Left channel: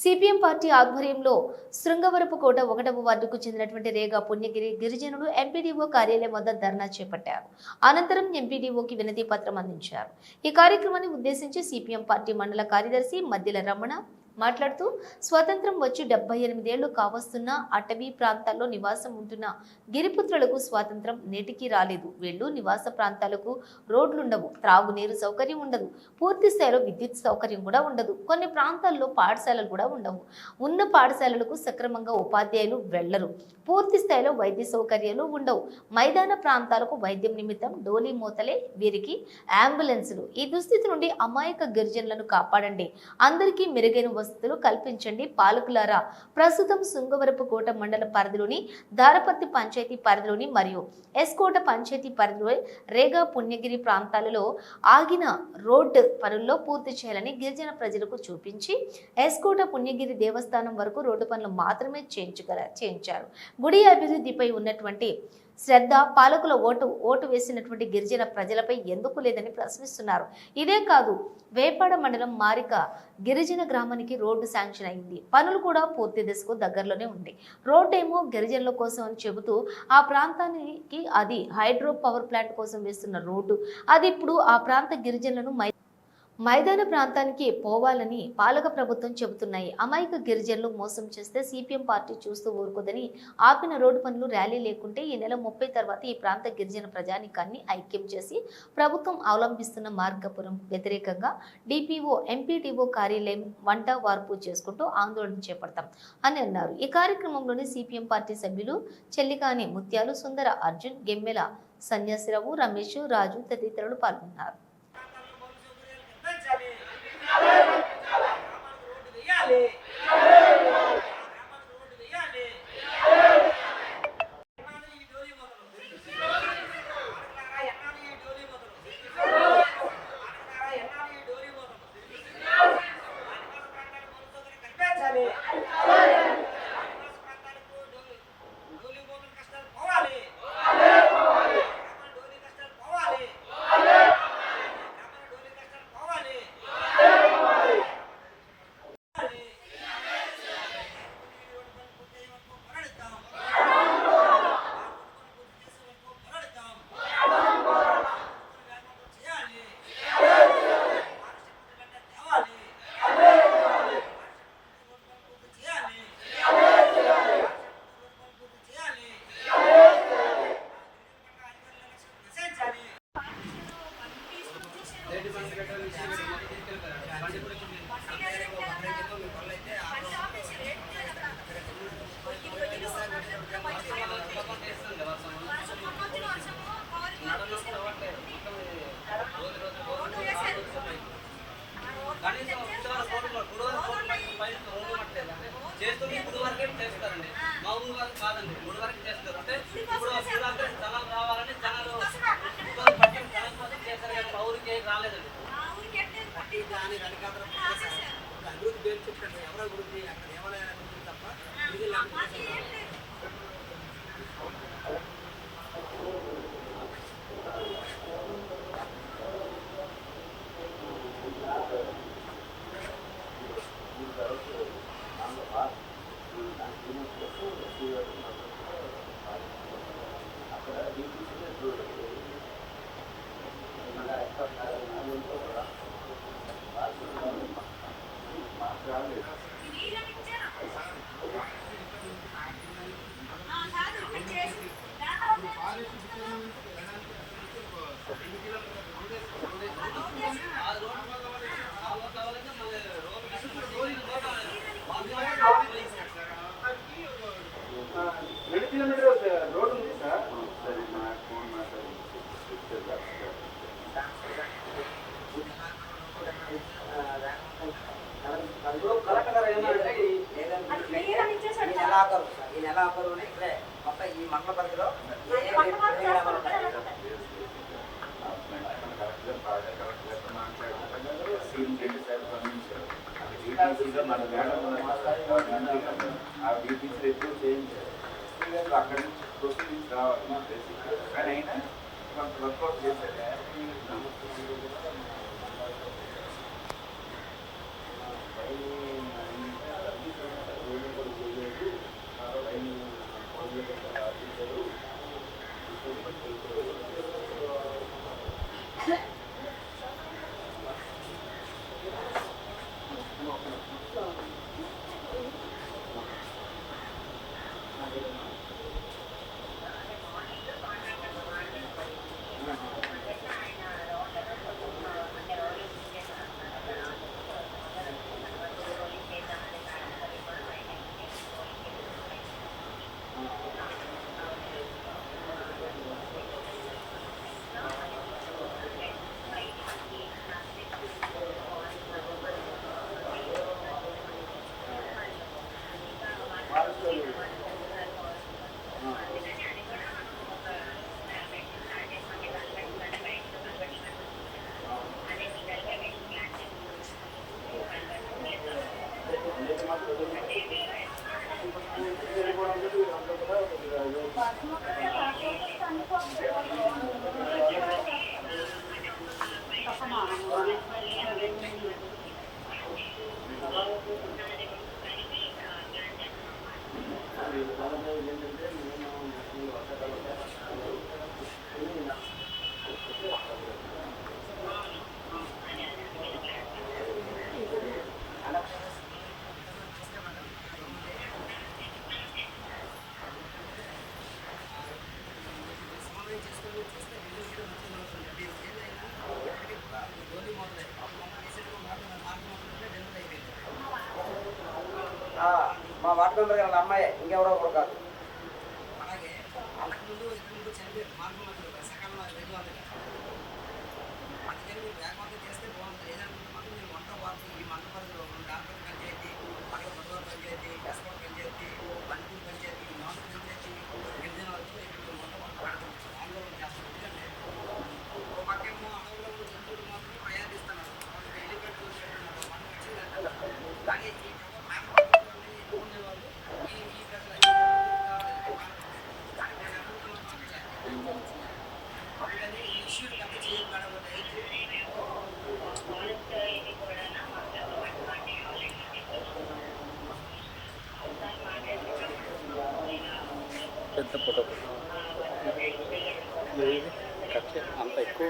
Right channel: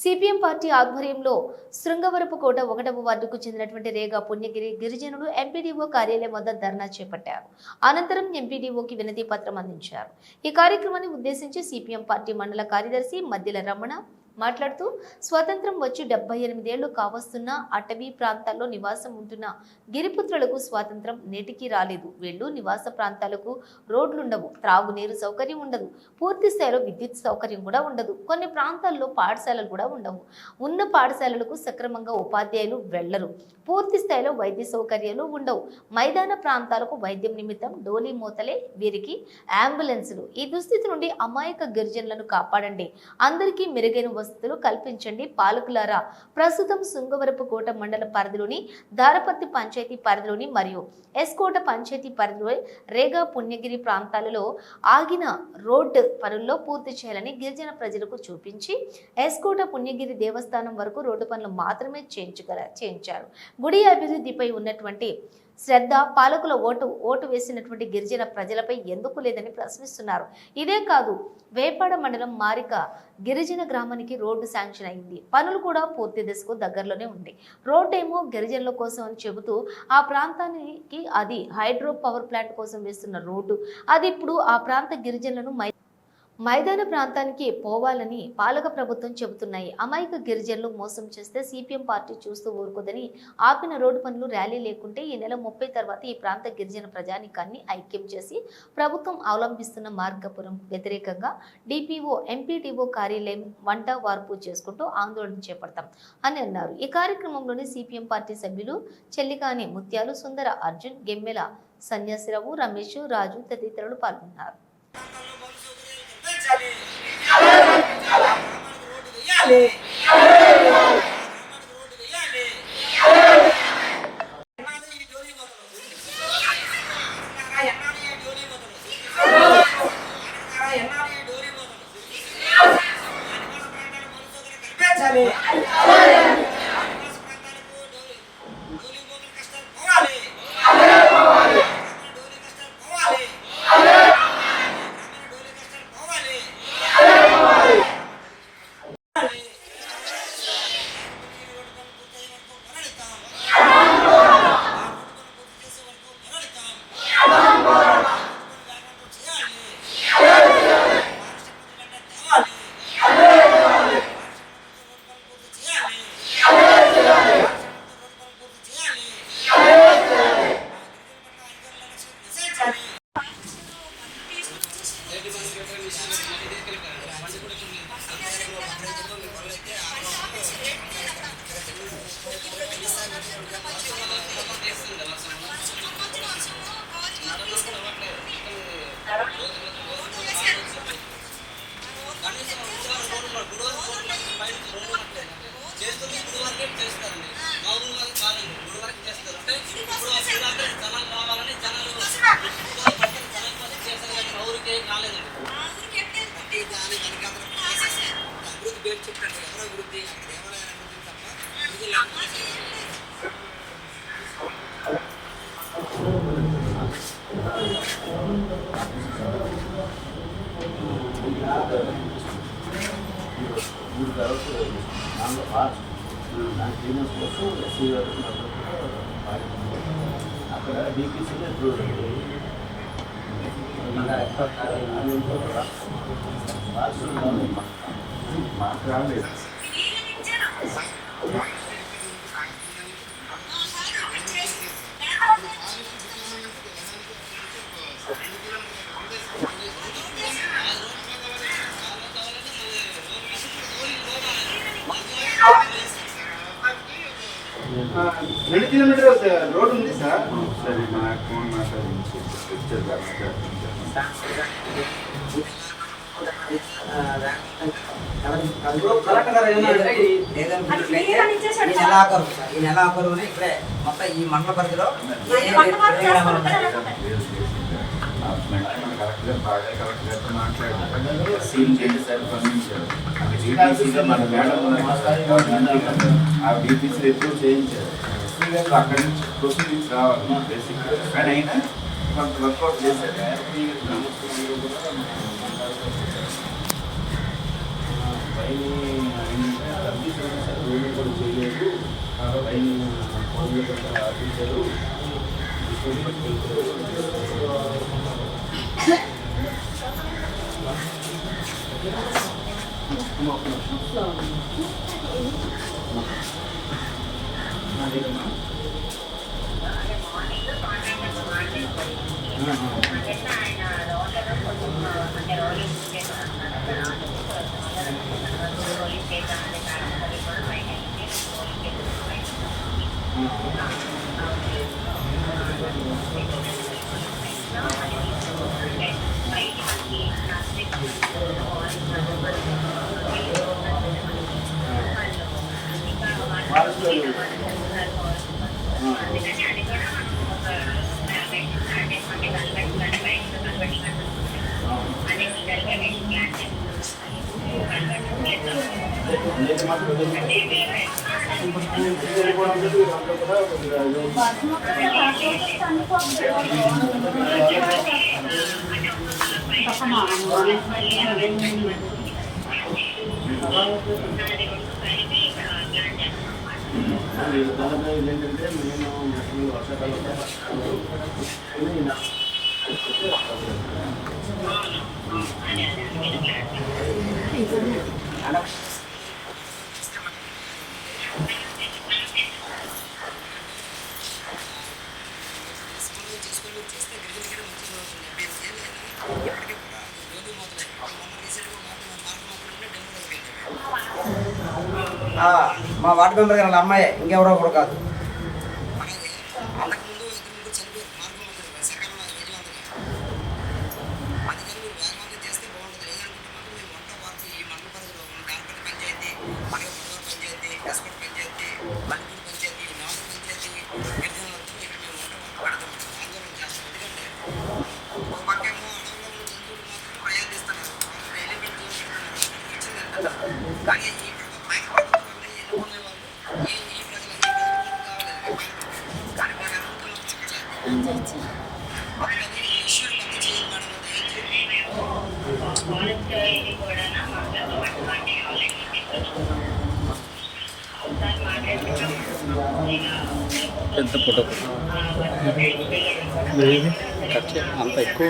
CPM party ఆధ్వర్యంలో శృంగవరపుకోట 1వ వార్డుకు చెందినటువంటి రేగా పుణ్యగిరి గిరిజనులు ఎంపీడీఓ కార్యాలయం వద్ద ధర్నా చేపట్టారు. అనంతరం ఎంపీడీఓకి వినతి పత్రం అందించారు. ఈ కార్యక్రమాన్ని ఉద్దేశించి సిపిఎం పార్టీ మండల కార్యదర్శి మద్దిల రమణ మాట్లాడుతూ స్వతంత్రం వచ్చి 78 ఏళ్లు కావస్తున్న అటవీ ప్రాంతాల్లో నివాసం ఉంటున్న గిరిపుత్రులకు స్వాతంత్రం నేటికి రాలేదు. వీళ్ళు నివాస ప్రాంతాలకు రోడ్లుండవు, త్రాగునీరు సౌకర్యం ఉండదు, పూర్తి స్థాయిలో విద్యుత్ సౌకర్యం కూడా ఉండదు. కొన్ని ప్రాంతాల్లో పాఠశాలలు కూడా ఉండవు. ఉన్న పాఠశాలలకు సక్రమంగా ఉపాధ్యాయులు వెళ్లరు. పూర్తి స్థాయిలో వైద్య సౌకర్యాలు ఉండవు. మైదాన ప్రాంతాలకు వైద్యం నిమిత్తం డోలీ మూతలే వీరికి అంబులెన్సులు. ఈ దుస్థితి నుండి అమాయక గిరిజనులను కాపాడండి. అందరికీ మెరుగైన వసతులు కల్పించండి. పాలకులారా, ప్రస్తుతం శృంగవరపుకోట మండల పరిధిలోని దారపత్తి పంచాయతీ పరిధిలోని మరియు ఎస్కోట పంచాయతీ పరిధిలో రేగా పుణ్యగిరి ప్రాంతాలలో ఆగిన రోడ్డు పనుల్లో పూర్తి చేయాలని గిరిజన ప్రజలకు చూపించి ఎస్కోట పుణ్యగిరి దేవస్థానం వరకు రోడ్డు పనులు మాత్రమే చేయించారు. గుడి అభివృద్ధిపై ఉన్నటువంటి శ్రద్ధ పాలకుల ఓటు వేసినటువంటి గిరిజన ప్రజలపై ఎందుకు లేదని ప్రశ్నిస్తున్నారు. ఇదే కాదు, వేపాడ మండలం మారిక గిరిజన గ్రామానికి రోడ్డు శాంక్షన్ అయింది. పనులు కూడా పూర్తి దశకు దగ్గరలోనే ఉంది. రోడ్డు ఏమో గిరిజనుల కోసం అని చెబుతూ ఆ ప్రాంతానికి అది హైడ్రో పవర్ ప్లాంట్ కోసం వేస్తున్న రోడ్డు. అది ఇప్పుడు ఆ ప్రాంత గిరిజనులను మైదాన ప్రాంతానికి పోవాలని పాలక ప్రభుత్వం చెబుతున్నాయి. అమాయక గిరిజనులు మోసం చేస్తే సిపిఎం పార్టీ చూస్తూ ఊరుకోదని ఆపిన రోడ్డు పనులు ర్యాలీ లేకుంటే ఈ నెల 30 తర్వాత ఈ ప్రాంత గిరిజన ప్రజానికాన్ని ఐక్యం చేసి ప్రభుత్వం అవలంబిస్తున్న మార్గపురం వ్యతిరేకంగా డిపిఓ ఎంపీటీఓ కార్యాలయం వంట వార్పు చేసుకుంటూ ఆందోళన చేపడతాం అని అన్నారు. ఈ కార్యక్రమంలోని సిపిఎం పార్టీ సభ్యులు చెల్లికాని ముత్యాలు, సుందర అర్జున్, గెమ్మెల సన్యాసిరావు, రమేష్, రాజు తదితరులు పాల్గొన్నారు. చేస్తుంది గుడి వరకే చేస్తారండి. మా ఊరు వరకు కాదండి, గుడి వరకు చేస్తారు. అంటే ఇప్పుడు జనాలు రావాలని జనాలు చేస్తారు కానీ మా ఊరికి రాలేదండి. అభివృద్ధి పేరు చెప్పండి, ఎవరు అభివృద్ధి? అక్కడ దేవాలయాల అభివృద్ధి తప్ప అక్కడ డీపీసీలో మాట్లాడలేదు. రెండు కిలోమీటర్ రోడ్ ఉంది సార్. సరే, నాకు ఫోన్ మాట్లాడించి ఈ నెలాఖరు ఇక్కడే మొత్తం ఈ మండల పరిధిలో కరెక్ట్గా బాగా కరెక్ట్గా మాట్లాడారు. సీల్ చేసి సార్ పంపించారు. డీపీసీలో మన మేడం ఆ డీపీసీలో ఎప్పుడు చేయించారు. అక్కడి నుంచి ప్రొసీడింగ్స్ రావాలి బేసిక్. కానీ అయినా కొంత వర్కౌట్ చేశారు. కూడా ఏంటంటే నేను వర్షాకాలం సమన్వయం చేసుకొని చేస్తే గిరిజనకి మంచిగా అవుతుంది. మీరు ఏదైనా ఇప్పటికీ కూడా గోధి మూతలే మొన్న రీసెంట్గా మార్గం మొదలంటే డెలివరీ అయిపోయింది. మా వార్డు మెంబర్ గారు వాళ్ళ అమ్మాయి, ఇంకెవరో కూడా కాదు. అలాగే అంతకుముందు ఇద్దరు ముగ్గురు చనిపోయారు మార్గం మధ్యలో సకాలంలో విజయవంతంగా. అందుకని మీరు వేగవంతం చేస్తే బాగుంటుంది. లేదనుకుంటే మాత్రం మేము వంట వారికి ఈ మండల పరిధిలో ఉన్న దానపల్లి పంచాయతీ, అలాగే బొడవరం పంచాయతీ, ఎస్కోట పంచాయతీ, మల్లిపూడి పంచాయతీ, నవస్ పంచాయతీ గిరిజనులతో ఇక్కడ మేము వంట వారికి పెడతాం, ఆందోళన చేస్తాం. ఎందుకంటే ఓ పక్కేమో అడవుల్లో ఉన్న జంతువులు మాత్రం ప్రయాణిస్తున్నారు, వాళ్ళకి ఎలిఫెంట్ జోన్ పెడుతున్నారు, వాళ్ళకి రక్షణ కల్పిస్తున్నారు. కానీ ఈ ప్రభుత్వం ఎన్నుకునే వాళ్ళు ఈ ప్రజల కావాలి కానీ మీరు అనుకుంటున్నాం అక్కడ. అందుకని ఈ ఇష్యూని పెద్ద చేయాలి మేడం. పెద్ద ఫోటో అంత ఎక్కువ